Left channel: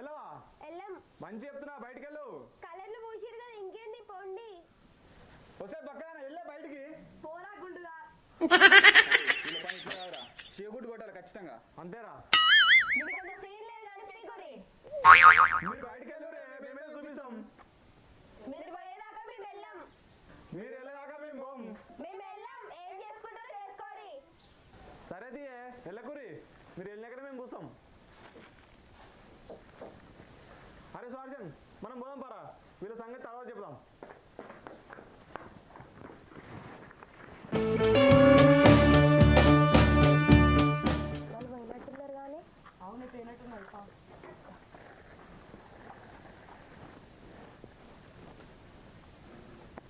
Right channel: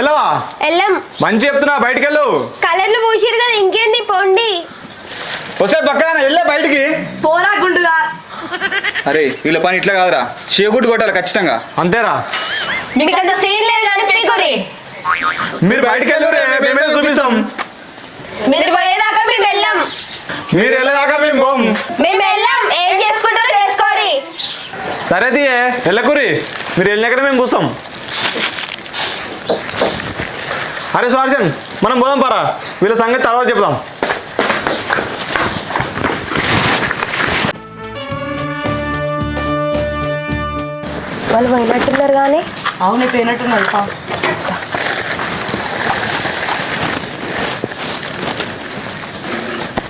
వెళ్ళవా? వెళ్ళం. మంచి చెప్తున్నా, బయటికి వెళ్ళు. కలర్లు పూసిరు కదా, ఇంకేంది పొండి. వస్తే పక్కన వెళ్ళే బయటికి. పోరా గుండుగా. అరే వీళ్ళ పని ఇట్లా కాదురా, షేగుట్టు కొట్టాలి ఖచ్చితంగా. అంతేరా, మీకు అంత సీన్ లేదు కానీ పీకురి. మీరు బయటికి వెళ్ళు రే, మేమే చూపిస్తాం. మీరు పోయేదాకా మేము వెళ్ళాం. మీరు వెళ్ళేదాకా మేము పోం. మేము వెళ్ళాం, ఏం చేసుకుంటారో చేసుకోరి. సరే తీయే, వెళ్ళకురి. మీరు వెళ్ళినాకనే మేము చూస్తాం. అరే స్వార్జన్, మనం పోదాం పారా, వీళ్ళ సంగతి తర్వాత చెప్దాం. వాళ్ళు పోయినట్టున్నారు కానీ. అవునే పోయినట్టున్నారు.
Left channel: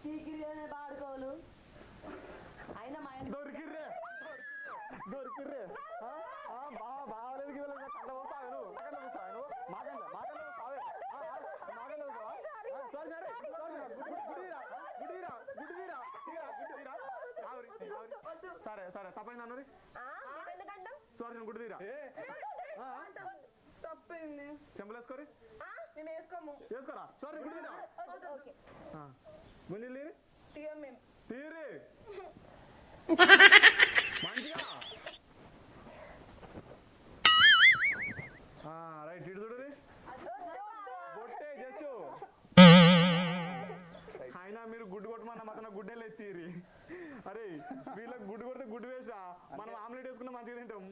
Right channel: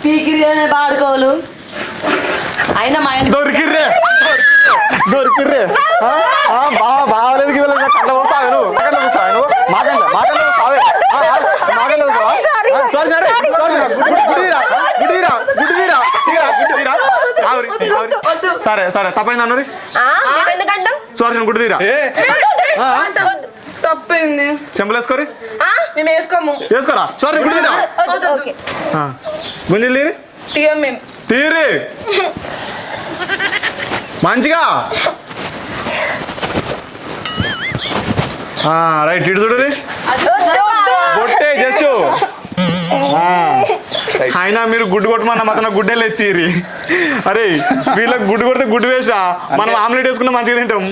పీకిరి పాడుకోవాలి అయినా మా ఇంటి దొరికిర్రే దొరికిర్రే. బాగాలేదు కళ్ళ వస్తావే నువ్వు, మాకన్నా వస్తావే నువ్వు, మాకన్నా వస్తావే, మాకన్నా వస్తావా? సారీ సరే, గుడ్డిరా గుడ్డిరా గుడ్డిరా గుడ్డిరా. సరే సరే, తప్పైంది అన్నది. ఎందుకంటాం సారీ గుడ్డు తీరా. తప్పైంది. చెంపలు వేసుకోరి. మేము వేసుకోము. వేసుకోరా. సారీ గుడ్డు తీరా. గుంజలు తీరి తీయం మేము. తీరి మంచిగా. రైట్, ఇటు చూడు. బొట్టే జస్ట్. అయినా మీరు గుడ్డు కొట్టమన్న మాత్రం గుడ్డే లేదు తీరి. అరే వీళ్ళకి గుడ్డు కొడితే గుడ్డు వేసా, మనం ఆమ్లెట్ వేసుకున్నా మంచిగా తింటాం.